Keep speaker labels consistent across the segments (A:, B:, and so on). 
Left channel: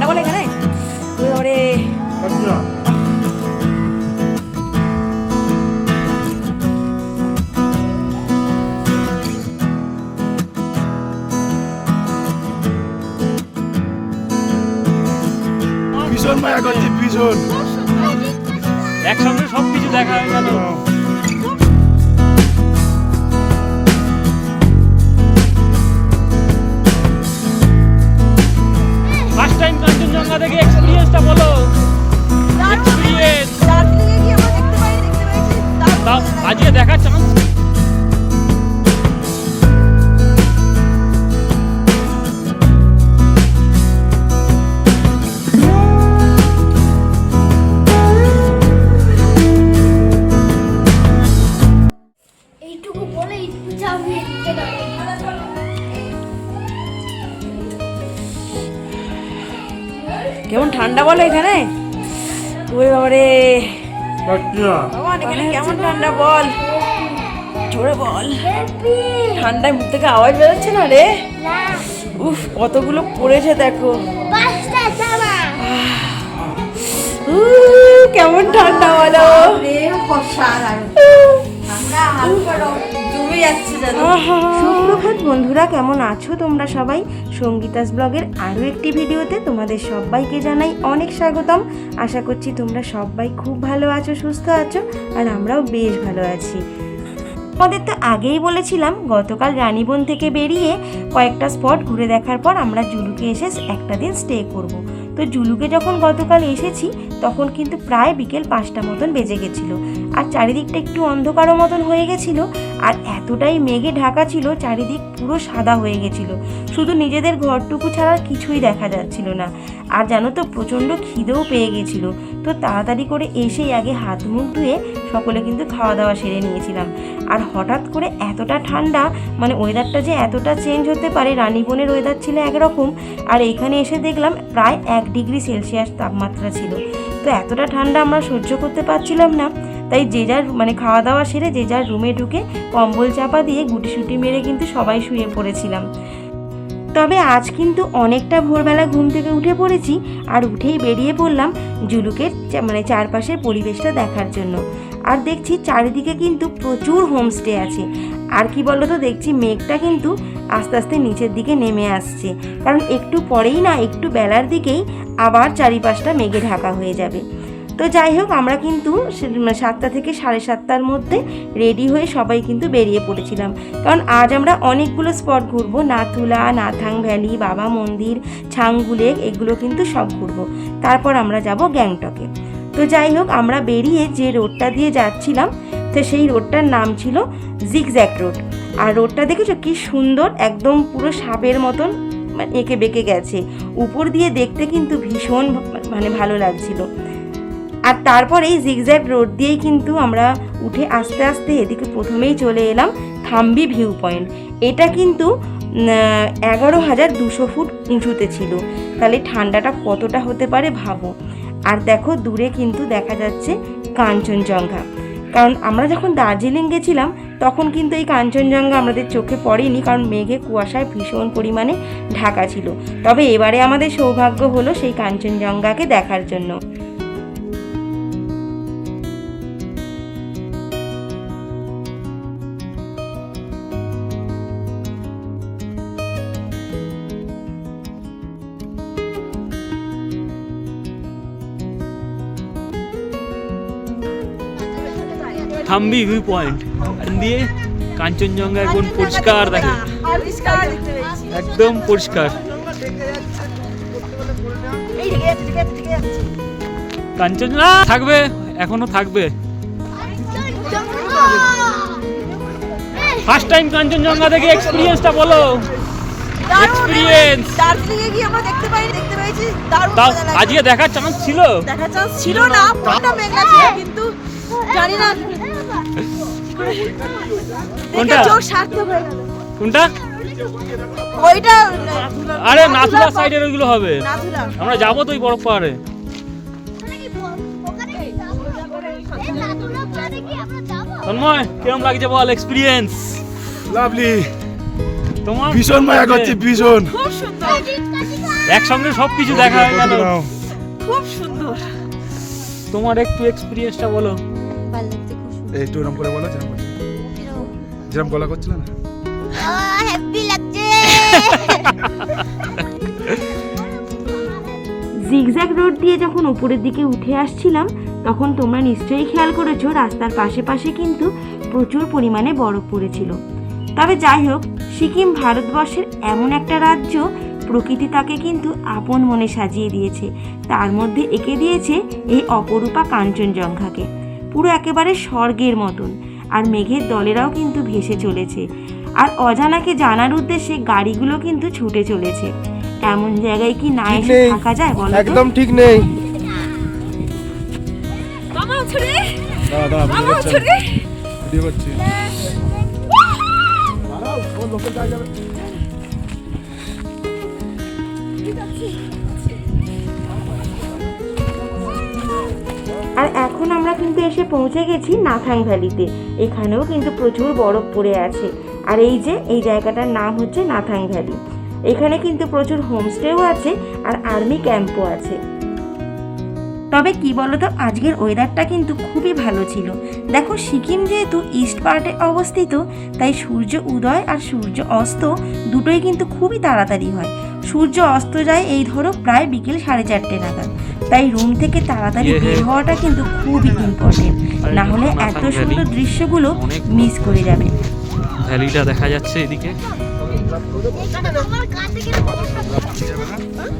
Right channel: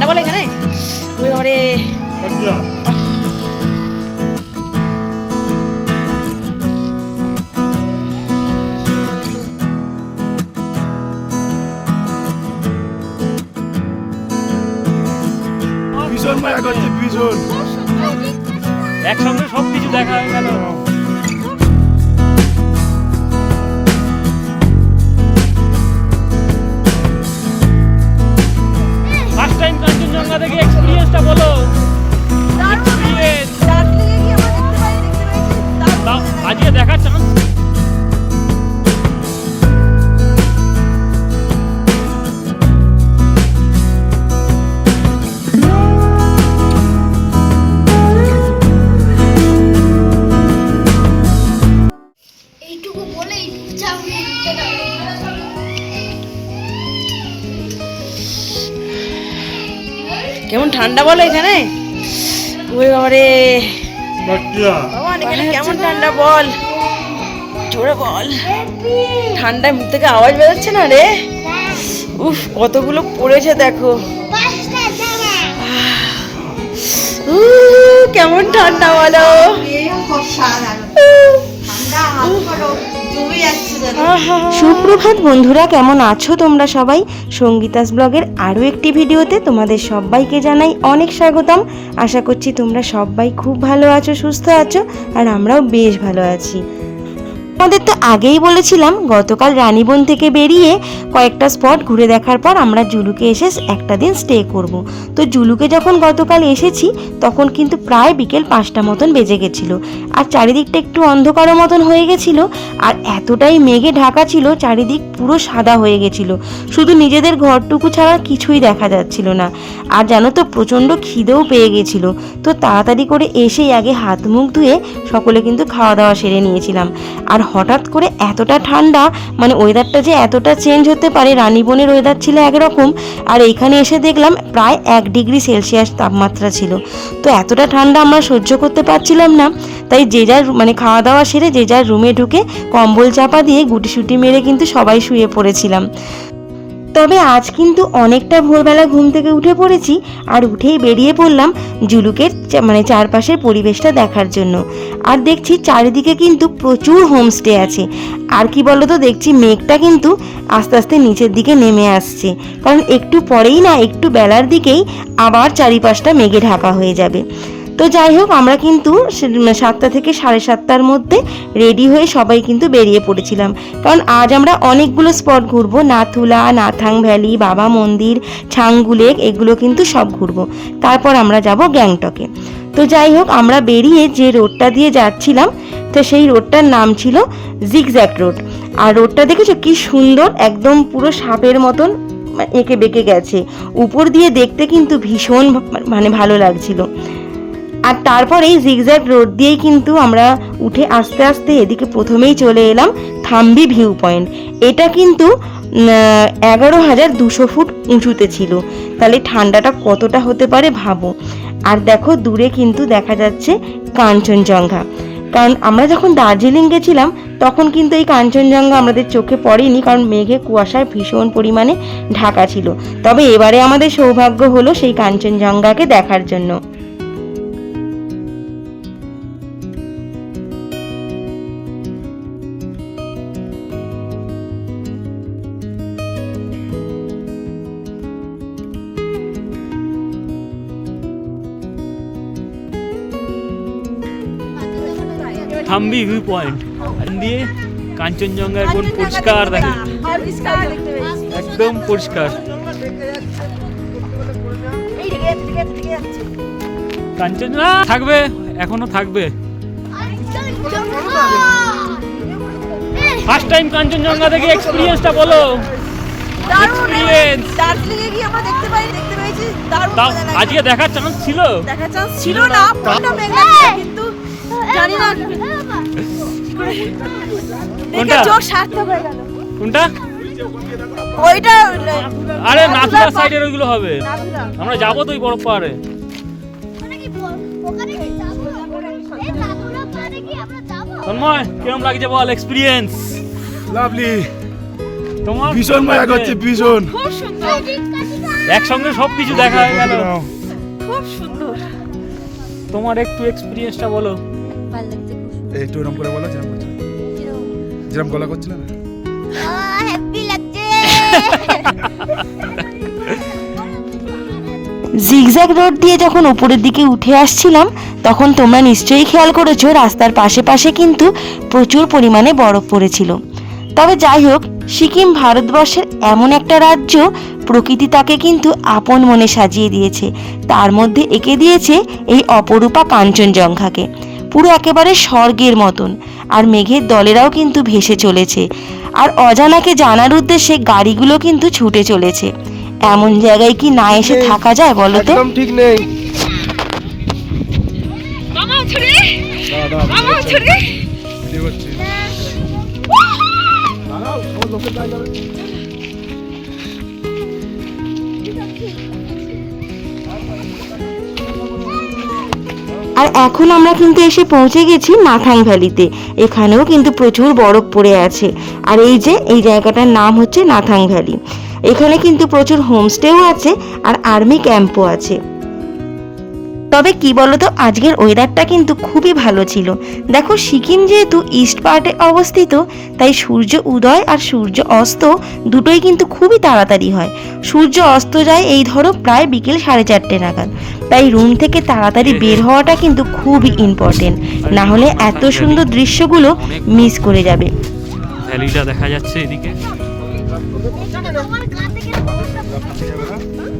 A: ঠান্ডা বলে এখানে? ওই
B: এক্সপিরিয়েন্সটা বলো
A: কেমন ঠান্ডা বলো এখানে? ওই বাবারে। এখানে কেমন ঠান্ডা বল। জোরে বল। ঠান্ডায় মুখ থেকে আওয়াজ বেরোচ্ছে না রে? উফ কতগুলো পড়েছে দেখো। কেমন ঠান্ডা বলো।
C: সুপ্রভাত বন্ধুরা, কেমন আছো তোমরা সবাই? সঙ্গীতাস ব্লগের আরও একটি ভিডিওতে তোমাদের সবাইকে জানাই অনেক স্বাগতম। আশা করছি তোমরা সবাই খুব ভালো আছো, সুস্থ আছো, আর আমরাও বেশ ভালো আছি। আমাদের তো আগেই বলেছিলাম, গতকাল রানীবন থেকে বেরিয়ে কয়েকটা স্পট ঘুরে দেখার পর আমরা জুলুকে এসে একটা দিন স্টে করব। তো জুলুকে যখন গতকাল এসেছি, তখন কিন্তু প্রায় বিকেল পাঁচটা মতন বেজে গেছিল। আর চারিদিকটা একটু অন্ধকারের মতন হয়ে গেছিল, আর এতটাই মেঘে ঢাকা ছিল, চারিদিক পুরো সাদা হয়ে গেছিল। শুধু নিজেদের ঘরটুকু ছাড়া কিছুই দেখা যাচ্ছিল না। আর জানো তো, প্রচণ্ড খিদেও পেয়ে গেছিল। তো তাড়াতাড়ি করে এসেই আগে হাত মুখ ধুয়ে সকলে কিন্তু খাওয়া দাওয়া সেরে নিয়েছিলাম। আর হঠাৎ করে এতটা ঠান্ডা মানে ওয়েদারটা যে এতটা চেঞ্জ হতে পারে রানীবনের ওয়েদার ছিল একরকম, আর এইখানে এসে দেখলাম প্রায় এক ডিগ্রি সেলসিয়াস তাপমাত্রা ছিল। তো এতটা ঠান্ডা আমরা সহ্য করতে পারছিলাম না, তাই যে যার মানে খাওয়া দাওয়া সেরে যে যার রুমে ঢুকে কম্বল চাপা দিয়ে গুটি সুটি মেরে কিন্তু সবাই শুয়ে পড়েছিলাম। তবে আজ কিন্তু অনেকটা ভোরবেলা ঘুম থেকে উঠে পড়েছি আর উঠেই বেরিয়ে পড়লাম জুলুকের মানে চারপাশের পরিবেশটা দেখার জন্য। আর দেখছি চারিদিকে কিন্তু প্রচুর হোমস্টে আছে। আর কি বলতো, দেখছি মেঘটা কিন্তু আস্তে আস্তে নিচের দিকে নেমে আসছে। কারণ একটু পরেই না, একটু বেলার দিকেই আবার চারিপাশটা মেঘে ঢাকা হয়ে যাবে। তো যাই হোক, আমরা কিন্তু সাতটা থেকে সাড়ে সাতটার মধ্যে রেডি হয়ে সবাই কিন্তু বেরিয়ে পড়েছিলাম। কারণ আজ আমরা অনেকগুলো স্পট ঘুরবো। নাথুলা, নাথাং ভ্যালি, বাবা মন্দির ছাংগুলেক এগুলো কিন্তু সব ঘুরবো। তারপর আমরা যাব গ্যাংটকে। তো যাই হোক, আমরা বেরিয়ে যে রোডটা দিয়ে যাচ্ছিলাম, তো সেই রোডটার নাম ছিল জিগজ্যাক রোড আর রোডটা দেখেছ কি সুন্দর? একদম পুরো সাপের মতন মানে এঁকে বেঁকে গেছে। উপর দিয়ে দেখতে কিন্তু ভীষণ মানে ভালো লাগছিল। আর তারপর এই জিগজ্যাগ রোড দিয়েই কিন্তু আমরা উঠে আস্তে আস্তে এদিকে প্রথমেই চলে এলাম থাম্বি ভিউ পয়েন্ট এটা কিন্তু এগারো হাজার দুশো ফুট উঁচুতে ছিল। তাহলে ঠান্ডাটা কতটা হতে পারে ভাবো। আর দেখো দূরে কিন্তু দেখা যাচ্ছে কাঞ্চনজঙ্ঘা। কারণ আমরা যখন দার্জিলিং গেছিলাম, তখন কিন্তু এই কাঞ্চনজঙ্ঘা আমাদের চোখে পড়েনি, কারণ মেঘে কুয়াশায় ভীষণ পরিমাণে ঢাকা ছিল। তবে এবারে আমাদের সৌভাগ্য হলো সেই কাঞ্চনজঙ্ঘাকে দেখার জন্য।
B: থাম্বি ভিউ পয়েন্ট। দিয়ে কাঞ্চনজঙ্ঘা এখন পরিষ্কার দেখে। একদম পরিষ্কার। কাঞ্চনজঙ্ঘা থাকবে এখনও থাকবে। ফার্স্ট টাইম কাঞ্চনজঙ্ঘা দেখে এক্সপিরিয়েন্সটা বলো।
A: দারুণ
B: Experience.
A: দার্জিলিংয়ে গিয়ে আমরা দেখতে পাই দেখতে পেয়েছি দারুণ মজা লাগছে।
B: আজকে দেখার চান্স ছিল?
A: দেখার চান্স ছিল না ফোনটা মেঘলা ছিল কিন্তু জানি না
B: কোনটা?
A: হয়ে
B: কোনটা?
A: ওইটা
B: আরে নাথুলা সাইডের ওইগুলো হবে। আমরা যাব তো ওই বরফ পাহাড়ে।
D: ওখানে কি এই নাথুলা পারে কি আমরা যাব
B: তন্ময় কেমন লাগছে বল এক্সপিরিয়েন্স
E: লাভলি
B: তোমার
E: ভীষণ মায়া করছে ভীষণ।
A: খুব সুন্দর।
B: একসঙ্গে সব কিছু দেখা হয়ে গেল।
A: খুব সুন্দর।
B: তোমার একটু এক্সপিরিয়েন্সটা বলো।
D: ভালো।
E: একটু এরকম করে বলো যেরকম করছিল। যেরকম গলা করছিল না?
D: হ্যাপি লাগছে।
C: জিগজ্যাগ রোড দিয়ে যখন উপরের দিকে উঠে আসছিলাম তখন তোমরা নিশ্চয়ই খেয়াল করেছ রাস্তার পাশে পাশে কিন্তু প্রচুর পরিমাণে বরফ পড়েছিল। তবে যাই হোক সিকিম ভারতবর্ষের এমন একটা রাজ্য প্রকৃতি তাকে কিন্তু আপন মনে সাজিয়ে দিয়েছে। তার মধ্যে এঁকে দিয়েছে এই অপরূপা কাঞ্চনজঙ্ঘাকে। পুরো একেবারে স্বর্গের মতন। আর মেঘের দলেরাও কিন্তু ভেসে চলেছে। আর অজানাকে জানার উদ্দেশ্যে গাড়িগুলো কিন্তু ছুটে চলেছে। এমন জায়গায় কি না এসে থাকা যায় বলো তো?
E: একদম ঠিক নেই।
A: মামা ছড়ে
E: দাদা
A: মামা ছড়ে
E: ভিডিও দাঁড়াও ও গায়ে যাবে।
C: আর এখন আমরা কিন্তু এসে পৌঁছে গেছি নাথাং ভ্যালিতে। এখানেও কিন্তু প্রচুর বরফ পড়ে আছে। আর এই যে, এই জায়গাটার নাম হচ্ছে নাথাং ভ্যালি। এখানে কিন্তু প্রচুর হোমস্টেও আছে আর আর্মি ক্যাম্পও আছে। তবে কি বলতো আজকের ওয়েদারটা কিন্তু খুবই ভালো ছিল। দেখো সিকিম যেহেতু ইস্ট পার্টে অবস্থিত তাই সূর্য উদয় আর সূর্য অস্ত দুটোই কিন্তু খুবই তাড়াতাড়ি হয়। সূর্য অস্ত যায় এই ধরো প্রায় বিকেল সাড়ে চারটে নাগাদ। তাই রুম থেকে তাড়াতাড়ি বের হওয়াটা কিন্তু খুবই ইম্পর্টেন্ট না হলে এত সুন্দর দৃশ্যগুলো মিস করে যাবে।
B: ভ্যালিটা দেখা যাচ্ছে এদিকে।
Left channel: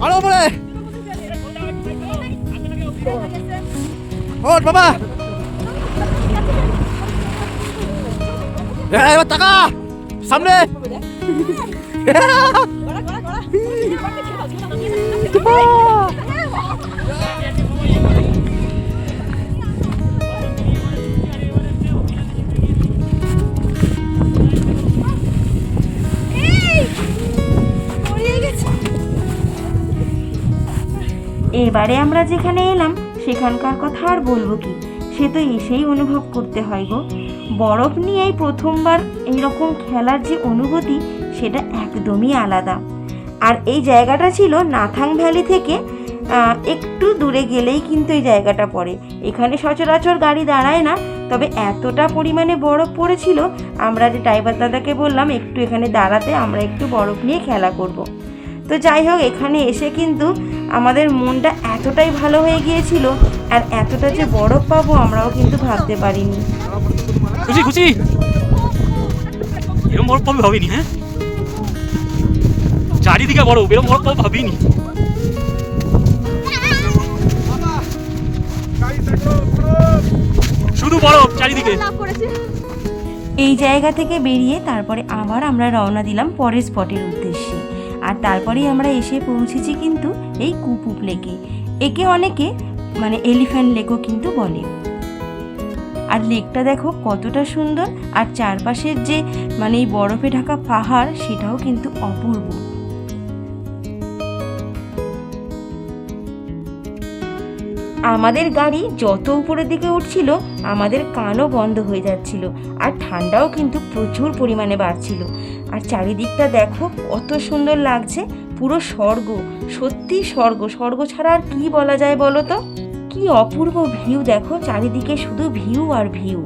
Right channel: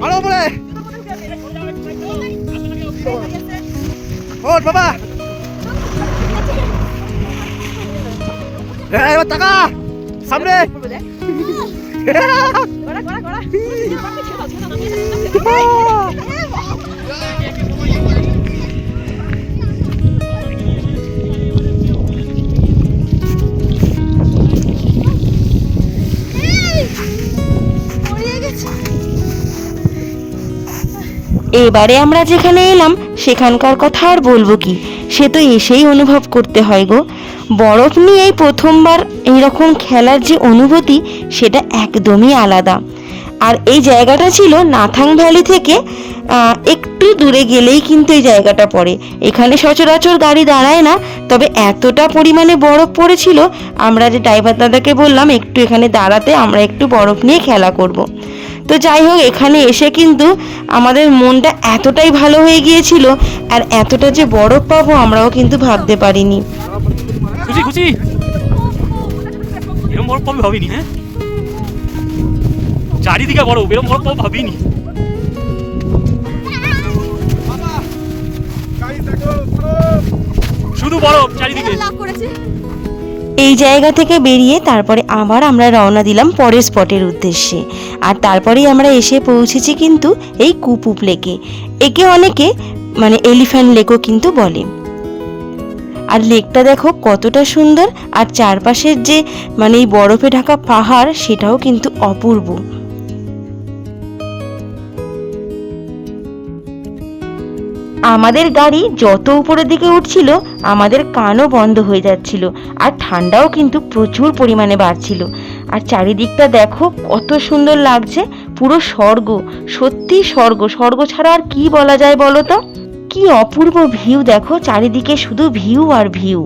E: আরও উপরে ওঠ বাবা এই, এবার টাকা সামনে
D: পড়িয়ে
C: এবারে আমরা যেখানে এলাম, সেখানকার কথা আর বলব কি? সে তো এসেই অনুভব করতে হয় গো। বরফ নিয়ে প্রথমবার এইরকম খেলার যে অনুভূতি, সেটা একদমই আলাদা। আর এই জায়গাটা ছিল নাথাং ভ্যালি থেকে একটু দূরে গেলেই কিন্তু এই জায়গাটা পড়ে। এখানে সচরাচর গাড়ি দাঁড়ায় না, তবে এতটা পরিমাণে বরফ পড়েছিল, আমরা যে ড্রাইভার দাদাকে বললাম, একটু এখানে দাঁড়াতে, আমরা একটু বরফ নিয়ে খেলা করব। তো যাই হোক এখানে এসে কিন্তু আমাদের মনটা এতটাই ভালো হয়ে গিয়েছিল আর এতটা যে বরফ পাবো আমরাও কিন্তু ভাবতে পারিনি।
B: খুশি খুশি? এরম বরফ পাবে ভাবিনি হ্যাঁ? চারিদিকে বরফ এরম বরফ পাবো ভাবিনি। শুধু বরফ চারিদিকে।
D: লাভ করেছে।
C: এই জায়গা থেকে বেরিয়ে তারপরে আবার আমরা রওনা দিলাম পরের স্পটের উদ্দেশ্যে। আর তারপরেই আমরা এসে পৌঁছেছি কিন্তু এই কুপুপ লেকে। একে অনেকে মানে এলিফ্যান্ট লেকও কিন্তু বলে। আর লেকটা দেখো কতটা সুন্দর, আর চারপাশের যে মানে এই বরফে ঢাকা পাহাড় সেটাও কিন্তু অপূর্ব। আমাদের গাড়ি যত উপরের দিকে উঠছিল, আমাদের কানও বন্ধ হয়ে যাচ্ছিল আর ঠান্ডাও কিন্তু প্রচুর পরিমাণে বাড়ছিল। আর চারিদিকটা দেখো কত সুন্দর লাগছে, পুরো স্বর্গ, সত্যি স্বর্গ স্বর্গ ছাড়া আর কি বলা যায় বলো তো? কি অপূর্ব ভিউ দেখো, চারিদিকে শুধু ভিউ আর ভিউ।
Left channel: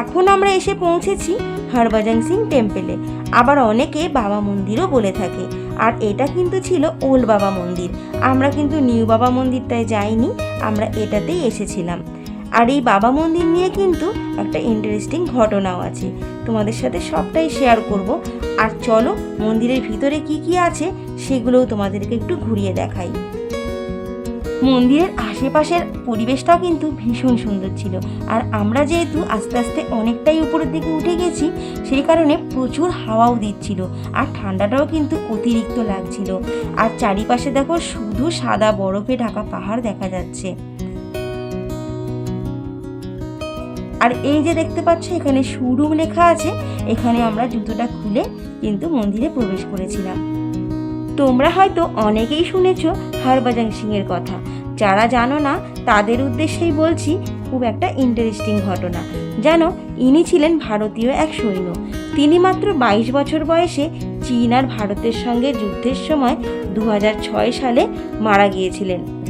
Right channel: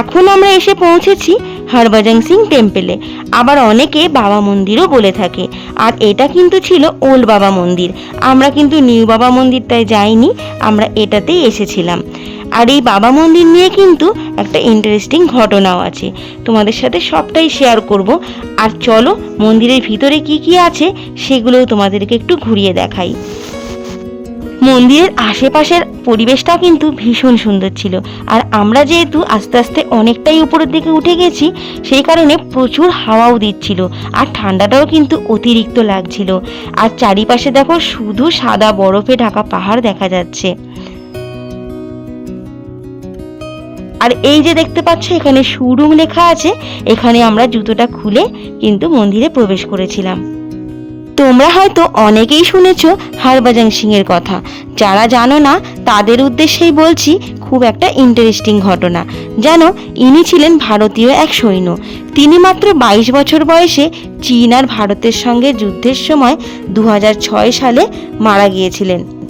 C: এখন আমরা এসে পৌঁছেছি হরভজন সিং টেম্পেলে। আবার অনেকে বাবা মন্দিরও বলে থাকে। আর এটা কিন্তু ছিল ওল্ড বাবা মন্দির। আমরা কিন্তু নিউ বাবা মন্দিরটায় যাইনি, আমরা এটাতেই এসেছিলাম। আর এই বাবা মন্দির নিয়ে কিন্তু একটা ইন্টারেস্টিং ঘটনাও আছে। তোমাদের সাথে সবটাই শেয়ার করব। আর চলো মন্দিরের ভিতরে কি কি আছে, সেগুলোও তোমাদেরকে একটু ঘুরিয়ে দেখাই। মন্দিরের আশেপাশের পরিবেশটা কিন্তু ভীষণ সুন্দর ছিল। আর আমরা যেহেতু আস্তে আস্তে অনেকটাই উপরের দিকে উঠে গেছি, সেই কারণে প্রচুর হাওয়াও দিচ্ছিল আর ঠান্ডাটাও কিন্তু অতিরিক্ত লাগছিল। আর চারিপাশে দেখো শুধু সাদা বরফে ঢাকা পাহাড় দেখা যাচ্ছে। আর এই যে দেখতে পাচ্ছ, এখানে শুরুম লেখা আছে। এখানে আমরা জুতোটা খুলে কিন্তু মন্দিরে প্রবেশ করেছিলাম। তোমরা হয়তো অনেকেই শুনেছ হরভজন সিংয়ের কথা। যারা জানো না, তাদের উদ্দেশ্যেই বলছি, খুব একটা ইন্টারেস্টিং ঘটনা। যেন ইনি ছিলেন ভারতীয় এক সৈন্য। তিনি মাত্র বাইশ বছর বয়সে চীন আর ভারতের সঙ্গে যুদ্ধের সময় দু হাজার ছয় সালে মারা গিয়েছিলেন।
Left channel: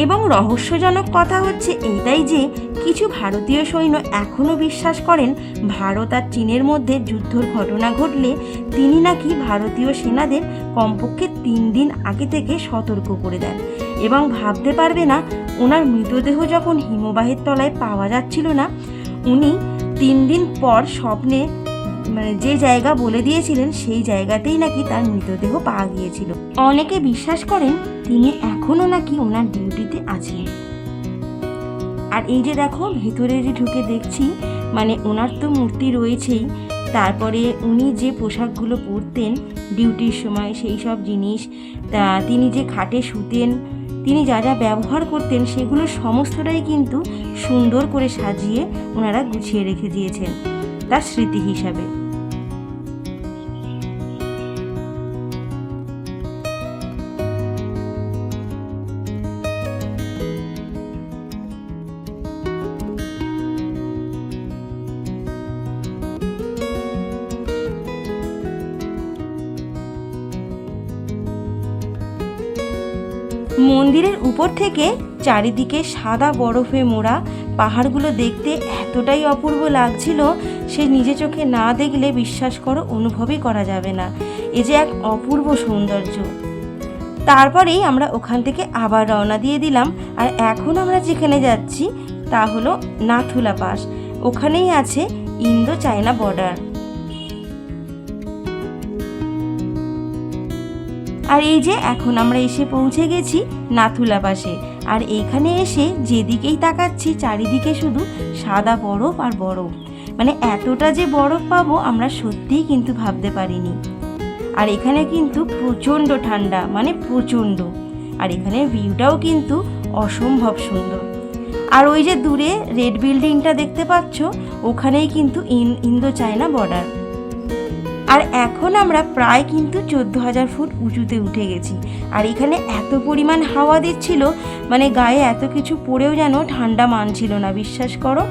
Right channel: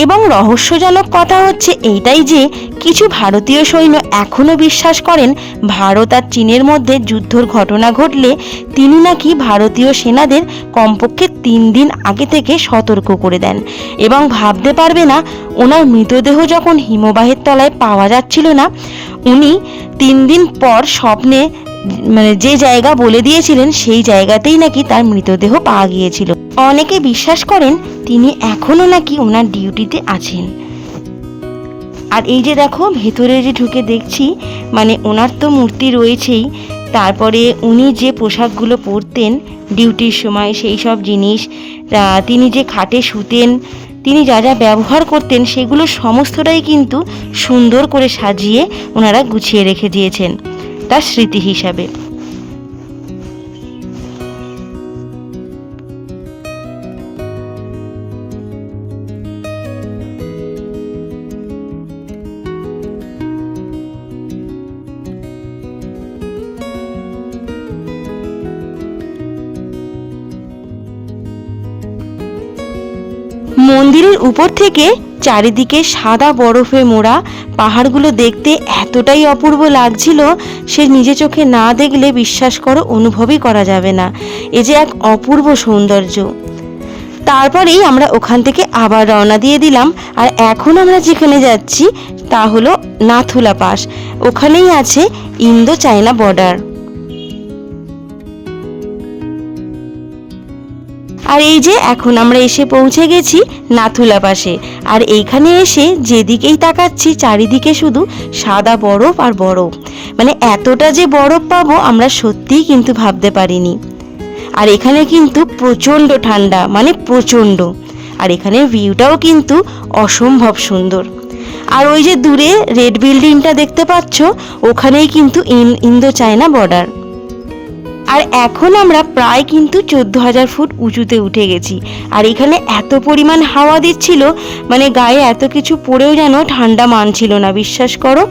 C: এবং রহস্যজনক কথা হচ্ছে এইটাই যে কিছু ভারতীয় সৈন্য এখনও বিশ্বাস করেন ভারত আর চীনের মধ্যে যুদ্ধর ঘটনা ঘটলে তিনি নাকি ভারতীয় সেনাদের কমপক্ষে তিন দিন আগে থেকে সতর্ক করে দেন। এবং ভাবতে পারবে না, ওনার মৃতদেহ যখন হিমবাহের তলায় পাওয়া যাচ্ছিল না, উনি তিন দিন পর স্বপ্নে মানে যে জায়গা বলে দিয়েছিলেন, সেই জায়গাতেই নাকি তার মৃতদেহ পাওয়া গিয়েছিল। অনেকে বিশ্বাস করেন তিনি এখনও নাকি ওনার ডিউটিতে আছেন। আর এই যে দেখো, ভেতরে যে ঢুকে দেখছি মানে ওনার তো মূর্তি রয়েছেই, তারপরে উনি যে পোশাকগুলো পরতেন ডিউটির সময়, সেই সব জিনিস তিনি যে খাটে শুতেন, তিনি যা যা ব্যবহার করতেন, সেগুলো সমস্তটাই কিন্তু সুন্দর করে সাজিয়ে ওনারা গুছিয়ে রেখে দিয়েছেন। তার স্মৃতি হিসাবে। মন্দিরের উপর থেকে চারিদিকে সাদা বরফে মোড়া। পাহাড়গুলো দেখতে এতটাই অপূর্ব লাগছিল, সে নিজে চোখে না দেখলে বিশ্বাস করো অনুভবই করা যাবে না। এ যে এক অপূর্ব সৌন্দর্য। তারপরেই আমরা ওখান থেকে আবার রওনা দিয়ে দিলাম। আর এখন আমরা যেখানে যাচ্ছি, তা হলো নাথুলা পাস। ওখানেই আছে ইন্দো চায়না বর্ডার আর এই যে, এখন আমরা এসে পৌঁছে গেছি নাথুলা পাশে। আর এইখানে এসে যেদিকেই তাকাচ্ছি, চারিদিকে শুধু সাদা বরফ আর বরফ। মানে এতটা যে বরফ পাবো, আমরা সত্যিই কিন্তু ভাবতে পারিনি। আর এখানে কিন্তু প্রচণ্ড ঠান্ডা মানে প্রচণ্ড। আর এখানে ভিউটাও কিন্তু অসম্ভব সুন্দর। আর ওই যে দূরে রেড বিল্ডিংটা দেখতে পাচ্ছ, ওখানেই কিন্তু ইন ইন্দো চায়না বর্ডার আর এখন আমরা প্রায় কিন্তু চোদ্দ হাজার ফুট উঁচুতে উঠে গেছি। আর এখানে এত পরিমাণ হাওয়া দিচ্ছিল মানে গায়ে এত কিছু পড়েও যেন ঠান্ডা মানছিল না, বিশ্বাস করো।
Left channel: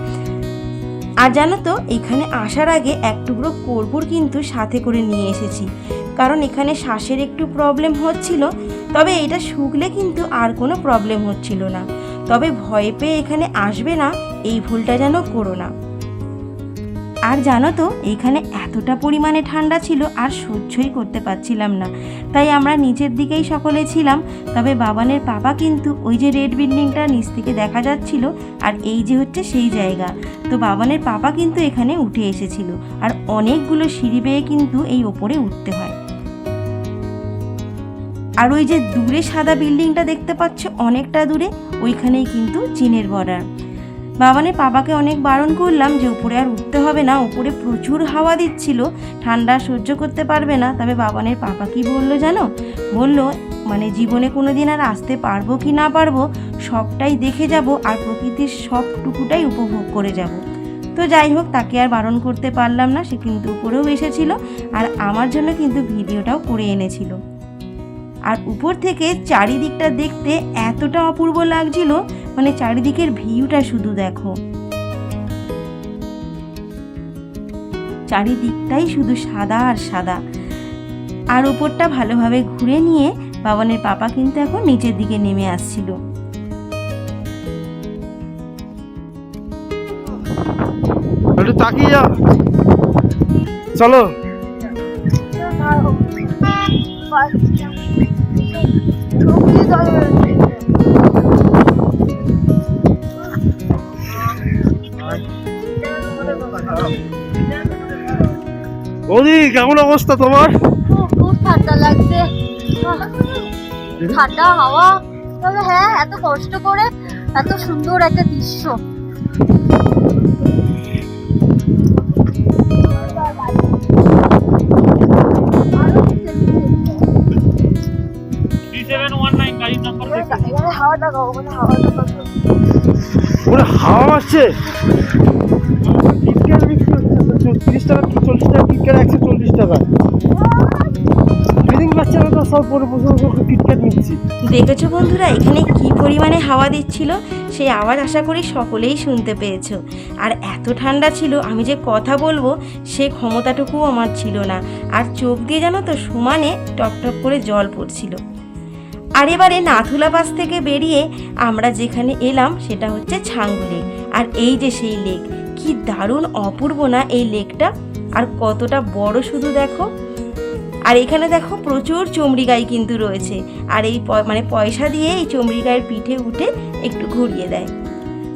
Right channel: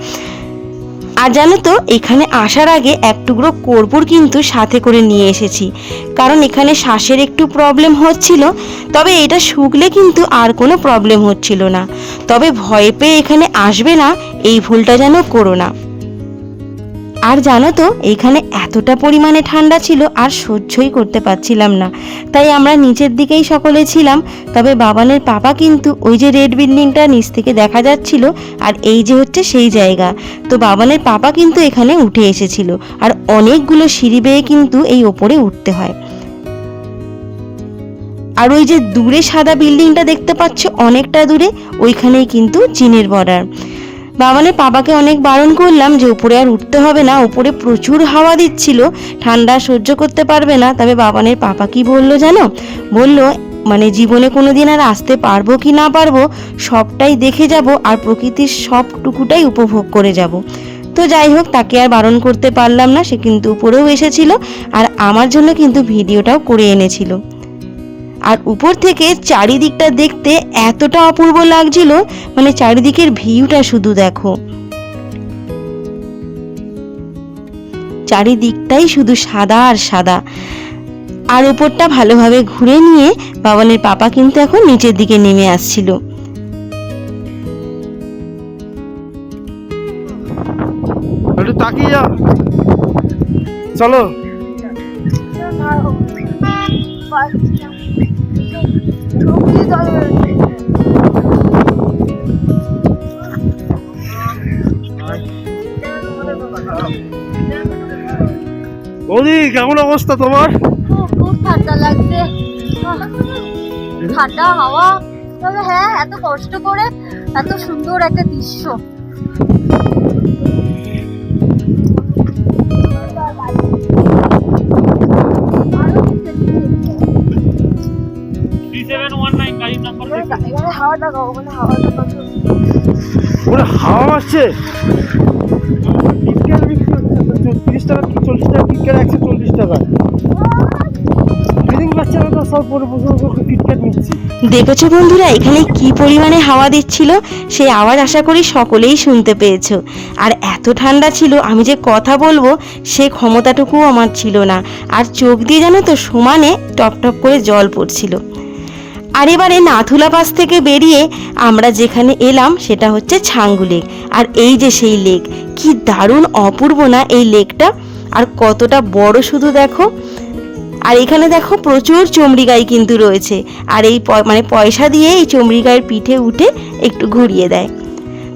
C: আর জানো তো, এখানে আসার আগে এক টুকরো কর্পূর কিন্তু সাথে করে নিয়ে এসেছি। কারণ এখানে শ্বাসের একটু প্রবলেম হচ্ছিল, তবে এটা শুকলে কিন্তু আর কোনো প্রবলেম হচ্ছিল না। তবে ভয় পেয়ে এখানে আসবে না, এই ভুলটা যেন করো না। আর জানো তো, এখানে এতটা পরিমাণে ঠান্ডা ছিল আর সহ্যই করতে পারছিলাম না। তাই আমরা নিচের দিকেই সকলে ছিলাম, তবে বাবানের পাপা কিন্তু ওই যে রেড বিল্ডিংটা নিচ থেকে দেখা যাচ্ছিল আর এই যে হচ্ছে সেই জায়গা। তো বাবানের পাপা কিন্তু এখানে উঠে এসেছিল আর অনেকগুলো সিঁড়ি বেয়ে কিন্তু এই ওপরে উঠতে হয়। আর ওই যে দূরে সাদা বিল্ডিংটা দেখতে পাচ্ছ অনেকটা দূরে, ওইখানেই কিন্তু চীনের বর্ডার বাবানের বাবাকে অনেক বারণ করলাম যে উপরে আর উঠতে হবে না, উপরে প্রচুর হাওয়া দিচ্ছিল, ঠান্ডা সহ্য করতে পারবে না। তবে বাবানের পাপা কি বলল জানো? বলল মানে জীবনে কোনো দিন আর আসতে পারব কি না পারব, সবটাই দেখে যাব আর প্রকৃতির সবটুকুটাই উপভোগ করে যাব। তো যাই হোক, তাকে আর বারণ করতে পারলাম না, সে কিন্তু উপরেও এসেছিল আর আমার জন্য কিন্তু ভিডিওটাও করে এনেছিল। আর উপর থেকে চারিদিকটা দেখতে এতটা অপূর্ব লাগছিল মানে চারিদিকের ভিউটা শুধু দেখো। চারিদিকটাই শুধু সাদা আর সাদা। আর উপরটা ভালোভাবে ঘুরে নিয়ে বাবানের পাপা কিন্তু এখন নিচের দিকে নেমে আসছিল।
E: একটু তাকিয়ে যা চলো। বৌদি কেমন অবস্থা তোমার?
D: খুব ঠান্ডা লাগছে। ঠান্ডা হাওয়া। তবে হ্যাঁ এত কষ্ট করে এত সুন্দর একটা দৃশ্য। এখানে হাওয়া
E: আসছে? বিক্রি হচ্ছে টাকা চল্লিশ টাকা টিকেট একশো চল্লিশ টাকা।
C: দেখেছ বন্ধুরা, এখানে কি পরিমাণে হাওয়া দিচ্ছিল? সেই আওয়াজ আশা করি সকলেই শুনতে পেয়েছ। আর এত ঠান্ডা ছিল, আমি যে কথা বলব, সে ক্ষমতাটুকুও আমার ছিল না। আর চোখ দিয়ে জানো তো, সমানে টপ টপ করে জল পড়ছিল। আর এবারে নাথুলা পাস থেকে বেরিয়ে আমরা যেখানে এলাম সেটা হচ্ছে ছাঙ্গু লেক। আর এই যে সেই লেক, কি দারুণ অপূর্ব না এই লেকটা? আর কতটা বড় শুধু দেখো। আর এখানে দেখো প্রচুর চমড়ি গাই কিন্তু রয়েছে। আর এই মানে পয়সা দিয়ে এই চমড়ি গায়ের পিঠে উঠে একটু ঘুরিয়ে দেয়।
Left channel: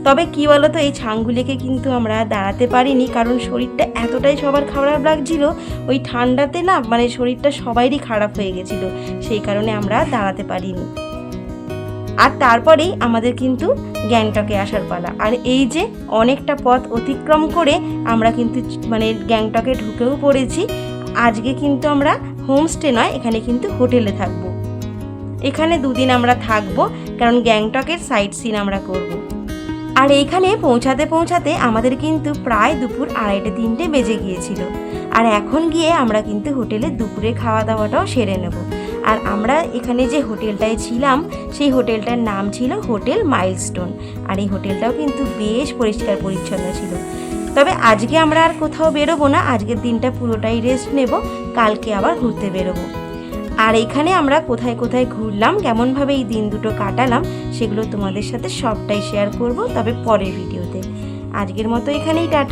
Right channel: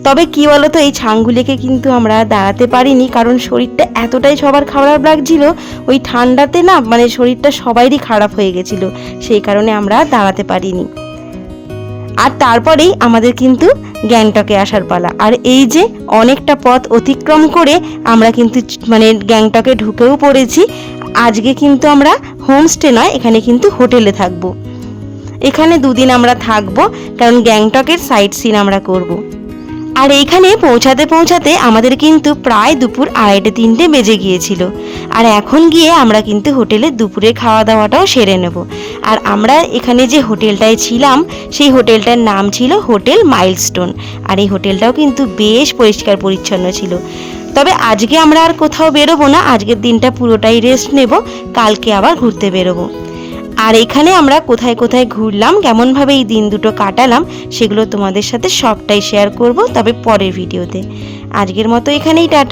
C: তবে কি বলতো, এই ছাঙ্গুলেকে কিন্তু আমরা দাঁড়াতে পারিনি, কারণ শরীরটা এতটাই সবার খারাপ লাগছিল, ওই ঠান্ডাতে না মানে শরীরটা সবারই খারাপ হয়ে গেছিল, সেই কারণে আমরা দাঁড়াতে পারিনি আর তারপরেই আমাদের কিন্তু গ্যাংটকে আসার পালা, আর এই যে অনেকটা পথ অতিক্রম করে আমরা কিন্তু মানে গ্যাংটকে ঢুকেও পড়েছি, আজকে কিন্তু আমরা হোমস্টে নয়, এখানে কিন্তু হোটেলে থাকব এখানে দুদিন আমরা থাকব, কারণ গ্যাংটকের সাইট সিন আমরা করব। আর এইখানে পৌঁছাতে পৌঁছাতে আমাদের কিন্তু প্রায় দুপুর আড়াইটে তিনটে বেজে গিয়েছিল। আর এখন গিয়ে আমরা কিন্তু হোটেলে দুপুরে খাওয়া দাওয়াটাও সেরে নেব। আর আমরা এখানে যে হোটেলটায় ছিলাম, সেই হোটেলটার নাম ছিল হোটেল মাইলস্টোন। আর এই হোটেলটাও কিন্তু বেশ পরিষ্কার পরিচ্ছন্ন ছিল। তবে আজকে আমরা আর কোথাও বেরোবো না, আজকের দিনটা পুরোটাই রেস্ট নেব, কালকে আবার ঘুরতে বেরোবো। আর এখানে আমরা কোথায় কোথায় ঘুরলাম, কেমনভাবে এই দিন দুটো কাটালাম, সেগুলো তোমাদের সাথে সবটাই শেয়ার করব তবে পরের ভিডিওতে। আজকের মতো এখানেই টাটা।